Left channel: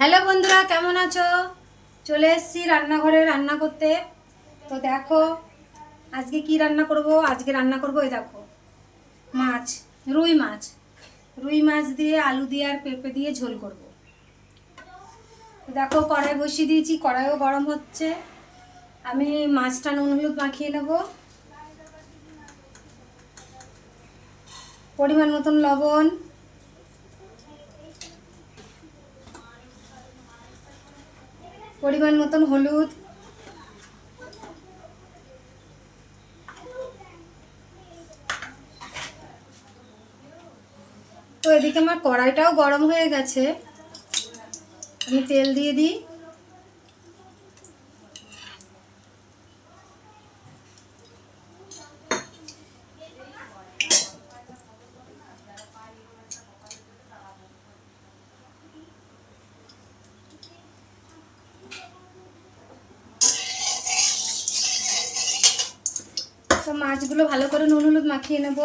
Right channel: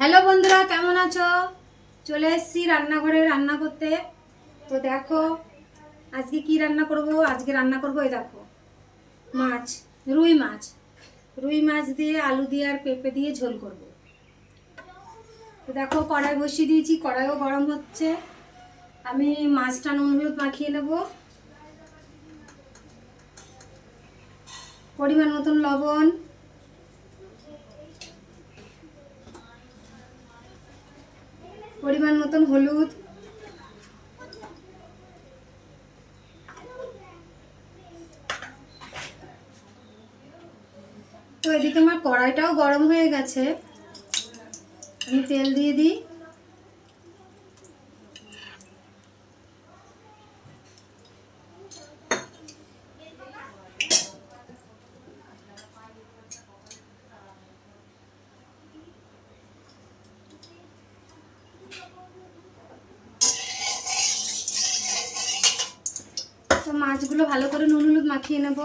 Hello বন্ধুরা, কেমন আছো? চলে এসেছি রান্নাঘরে রান্না করতে। তো দেখো, আজকে কি রান্না করব? আজকে রান্না করব এই দেখো, মাছ, রুই মাছ। রুই মাছ দিয়ে আলু দিয়ে আর পেঁপে দিয়ে ঝোল করব। তো দেখো, কড়াই বসিয়ে দিয়েছি, কড়াইও গরম হচ্ছে। আমি মাছটা নুন হলুদ মাখিয়ে নেব। পরিমাণ মতন লবণ। পরিমাণ মতন হলুদ। তো এদিকে আমার কড়াইটাও গরম হয়ে গেছে। আমি তেল দিয়ে দিই। মাছগুলো ভালো করে নুন হলুদ মাখিয়ে নেব।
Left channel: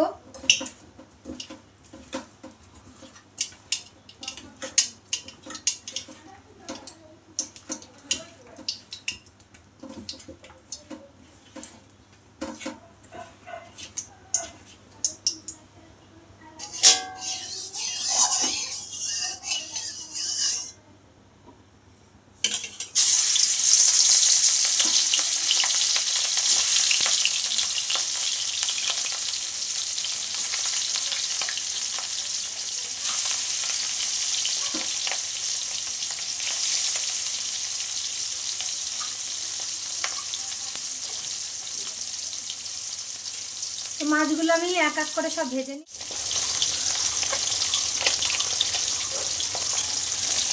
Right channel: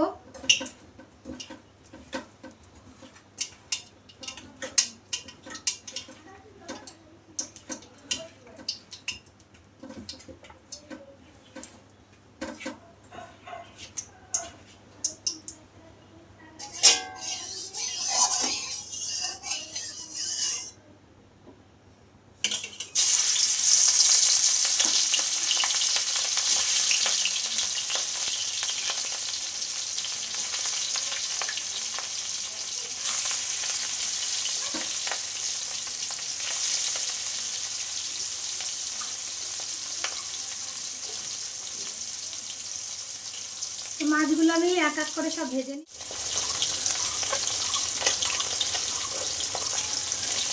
তো মাছগুলো আমি এক এক করে সব ভেজে নিই।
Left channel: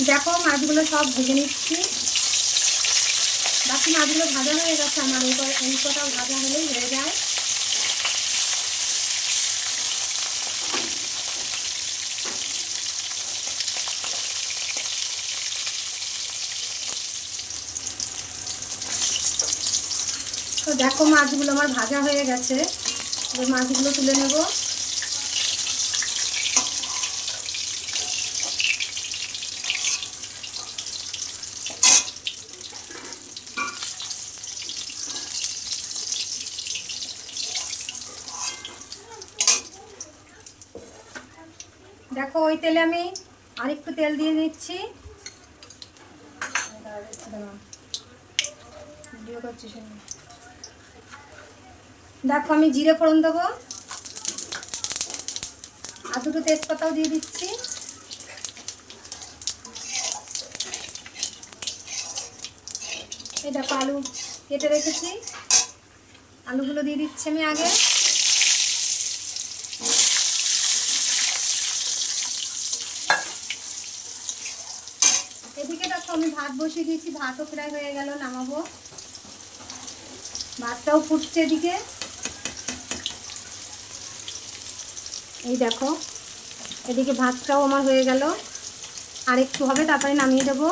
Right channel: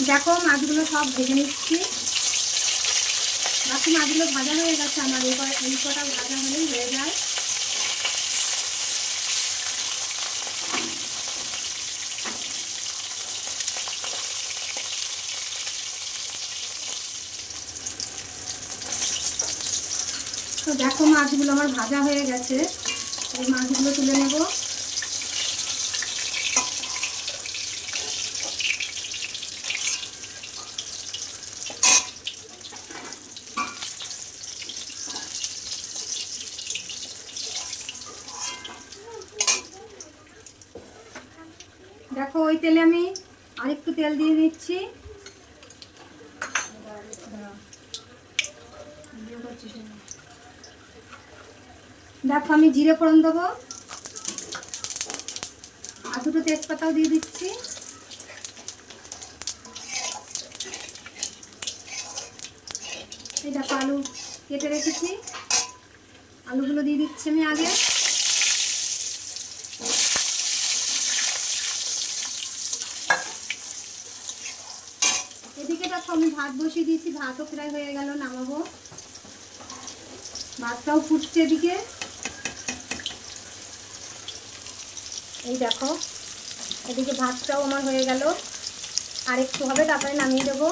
দেখো মাছগুলো সব ভেজে নিচ্ছি। দেখো মাছগুলো ভাজা হয়ে গেছে, আমার অঙ্কটা ভাজা হলেই হয়ে যায়। তো দেখো মাছগুলো আমার ভাজা হয়ে গেছে। এই মাছগুলো তুলে নেব। দেখো, ওই তেলে আমি আরেকটু তেল দিয়ে দিচ্ছি। ভিডিও করছিস না। দেখো, আমি জিরে ফোড়ন দেবো। আর দুটো তেজপাতাও দিয়ে দিচ্ছি। এই দেখো, আলু কেটে রেখেছি। আলুগুলো দিয়ে দিচ্ছি আমি আগে। এদিকে দেখো, আমি ভাত বসিয়ে দিয়েছি। ভাতও প্রায় হয়ে গেল, নামাবো। ভাতটাও ফুটছে এদিকে। এই দেখো, এদিকে ভাতটাও আমার হয়ে গেল। আর একটু হবে, তারপরে নামিয়ে দেবো।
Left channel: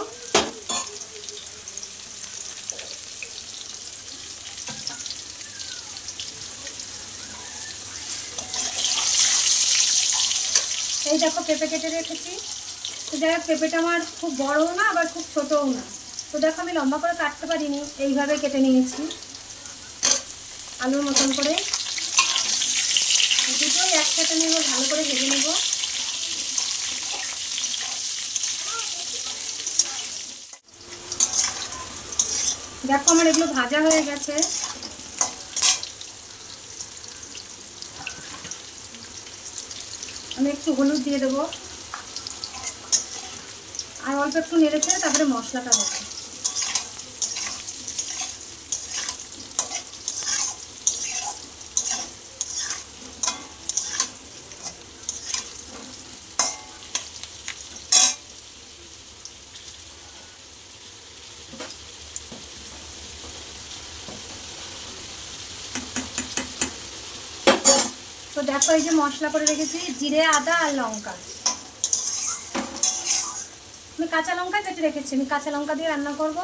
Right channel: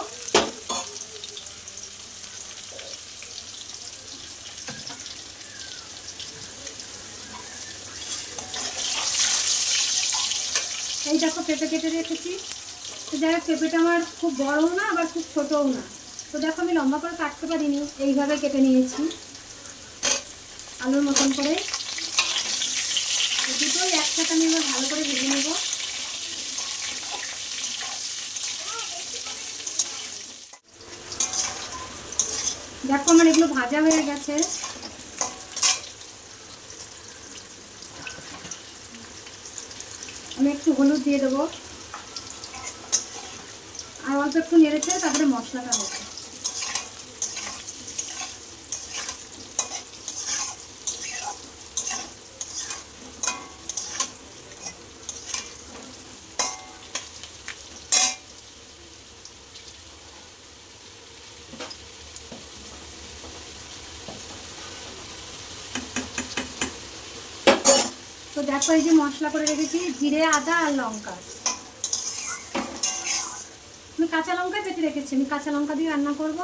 এই দেখো, পেঁপে কেটে রেখেছি। তো যাই হোক, পেঁপেটা আমার খুব বড়ও না, আবার খুব ছোটও না। তো দেখো, আমি লম্বা করে কাটতে পারিনি, এইভাবে কেটে নিয়েছি। আলুর মতন করে। দুটোই একসাথে আমি এবার ভালো করে ভেজে নেব। দেখো আমার এগুলো ভাজা হয়ে গেছে। আমি একটু হলুদ দিয়ে দেবো। আর অল্প একটু নেড়েছে তারপরে মশলাটা হবে দেখো এই যে মশলা করে রেখেছি, জিরে, আদা আর লঙ্কা। আমি কাঁচা লঙ্কা কেটে রেখেছি, আমি কাঁচা লঙ্কা দিয়ে রান্না করব।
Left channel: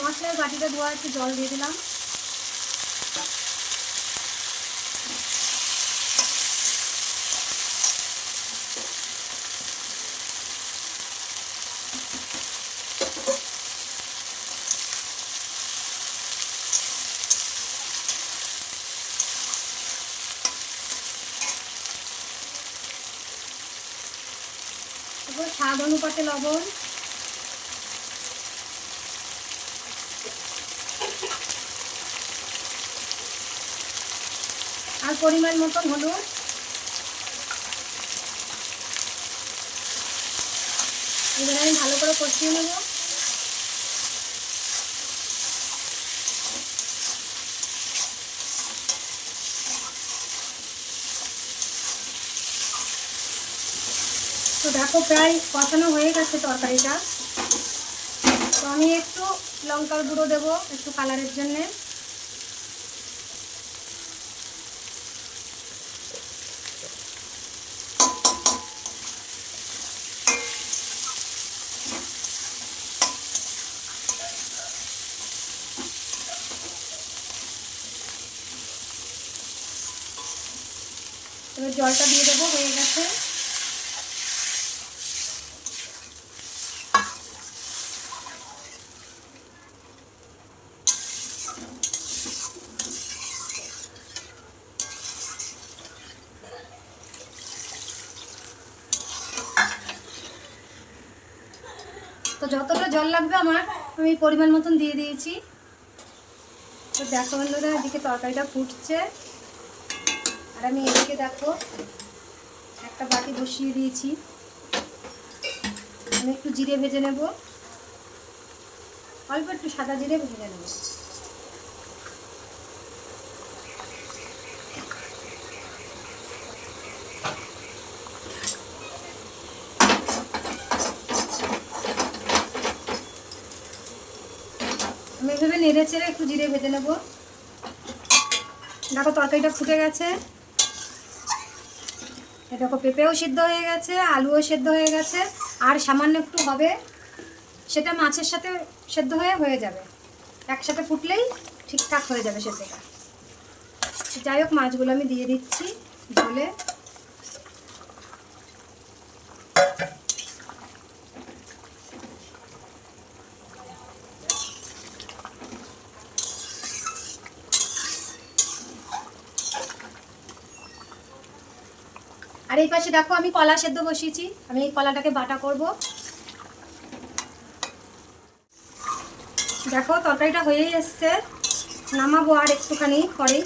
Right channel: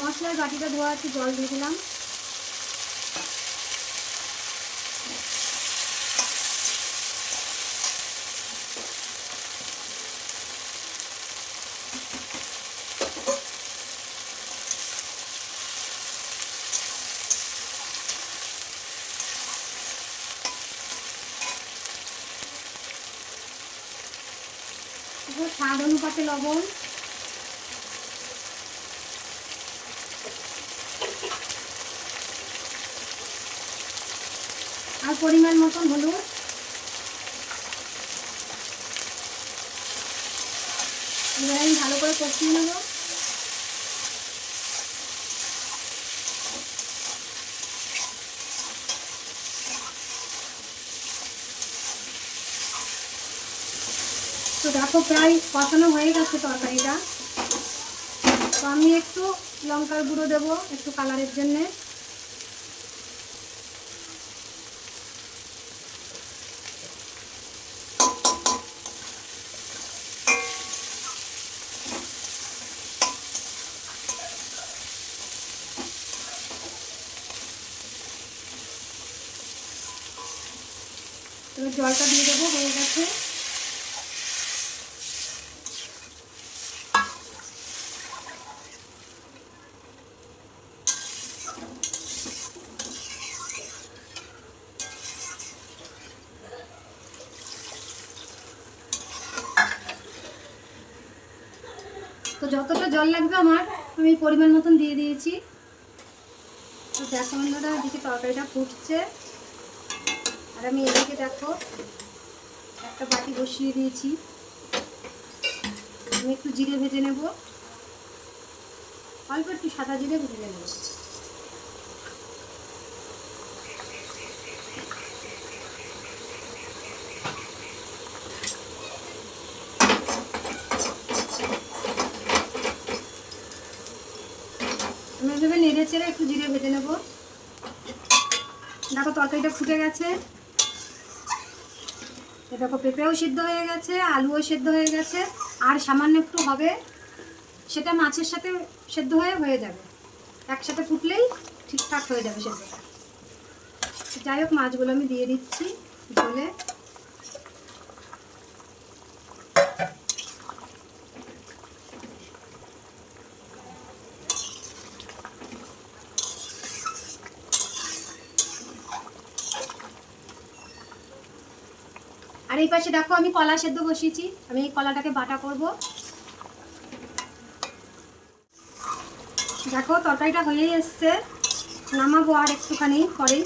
মশলার বাটিটা ধোয়া একটু জল দিয়ে দিলাম। এরপর স্বাদ অনুপাতে লবণ। আর পরিমাণ মতন হলুদ। এবার আমি ভালো করে কষিয়ে নেব। দেখো প্রায় কষানো হয়ে গেছে তরকারিটা। তো আমি একটু লঙ্কার গুঁড়ো দেবো একটু কালারের জন্যে। জলটা দিয়ে দেবো, হয়ে গেছে। তো যতটা জল লাগবে আমার, আমি পরিমাণ মতন দিয়ে দিয়েছি। তো দেখো বন্ধুরা, এদিকে তরকারিটা ফুটছে। আমি এদিকে দেখো, একটা বাটি বসিয়ে দিয়েছি। আমি একটু জিরে ভেজে নেব। অল্প একটু সাদা জিরে ভেজে নেব। আমি এভাবে নেড়ে চেড়ে একটু জিরে ভেজে নেব। দেখো তরকারিটা ফুটে গেছে। দেখো, পেঁপেও সিদ্ধ হয়ে গেছে, আলুও সেদ্ধ হয়ে গেছে, আর সামান্য একটু হবে, সেটা মাছের সাথে সেদ্ধ হয়ে হয়ে যাবে। একসাথে ফুটলেই ঠিকঠাক হয়ে যাবে সেদ্ধটা। যাই হোক, মাছগুলো আমি দিয়ে দিচ্ছি জলে আর এই পাশে দেখো আমি কলা সেদ্ধ বসিয়েছি। আমি এই কলাটাকে বাটা করব। দেখো, তরকারিটা হয়েই এসছে। নামাবো আর একটুখানি পরেই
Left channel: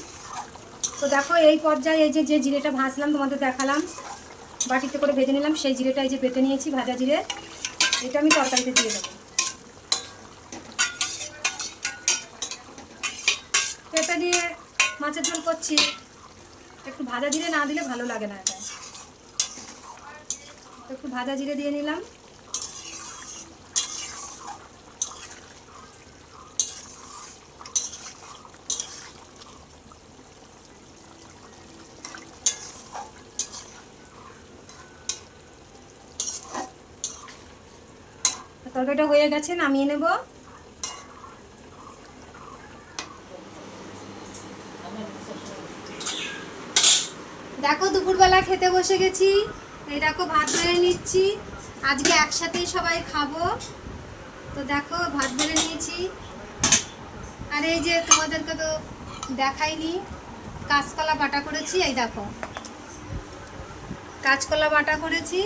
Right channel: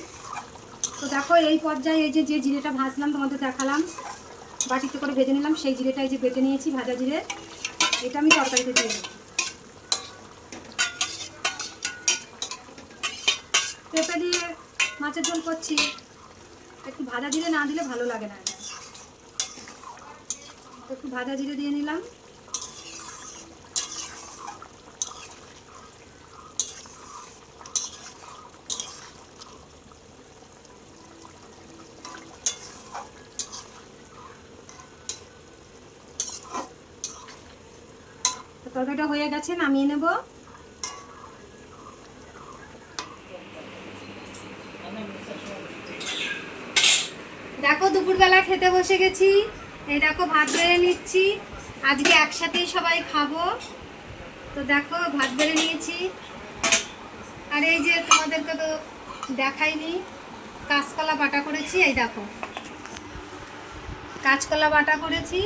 তো দেখো, এই পর্যায়ে এই যে যে জিরেটা ভাজলাম, তোমাদের দেখালাম। বাটিতে করে ভেজে নিলাম, সেই জিরেটা এই যে বেটে নিয়েছি, ভাজা জিরে। এটা আমি তরকারিতে দিয়ে দেবো। পেঁপে দিয়ে মাছের ঝোল করছি। একটু ভাজা জিরে না দিলে ভালো লাগে না। একটু ভাজা জিরে দিয়ে নিলাম। তরকারিটা হয়ে গেছে, নামিয়ে নেব। দেখো, দুপুরবেলা খেতে বসে গেছি। এই দেখো ভাত বেড়ে নিচ্ছি। আজকে একসাথেই সবাই খাব। তো দেখো, ভাত বেড়ে নিয়েছি। আর এই যে তোমাদেরকে তো দেখাইনি, কাঁচকলা বাটা করেছি, এই দেখো। কাঁচকলা বাটা করেছি।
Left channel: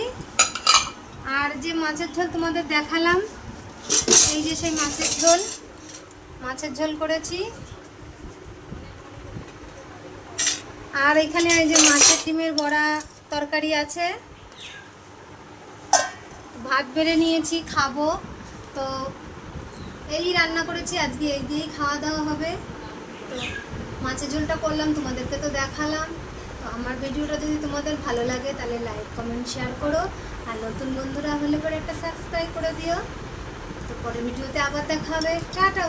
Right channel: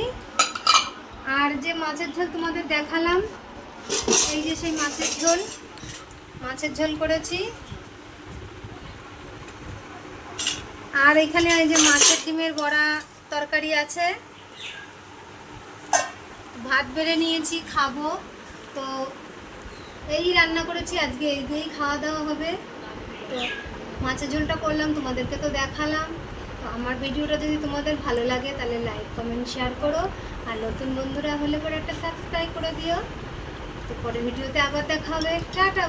আর যে মাছের ঝোল তোমাদের দেখালাম, এই যে সেই মাছের ঝোল মাছের ঝোল করেছি। আর এখানে এই যে মাছের ডিমের বড়া তরকারি আছে। ভাত বেড়ে নিয়েছি, খাব। তো এই রান্না করেছি, আজকে এই দিয়েই খাওয়া দাওয়া হবে। তো মাছের ঝোলটা করলাম, তোমাদেরকে তো দেখালাম। তো আমার ভিডিওটা যদি তোমাদের ভালো লাগে, তাহলে লাইক কমেন্ট শেয়ার করো। আর নতুন বন্ধুরা হলে পরে একটা সাবস্ক্রাইব করে দিও। তো পরে ভিডিওতে আবার দেখা হবে। টাটা!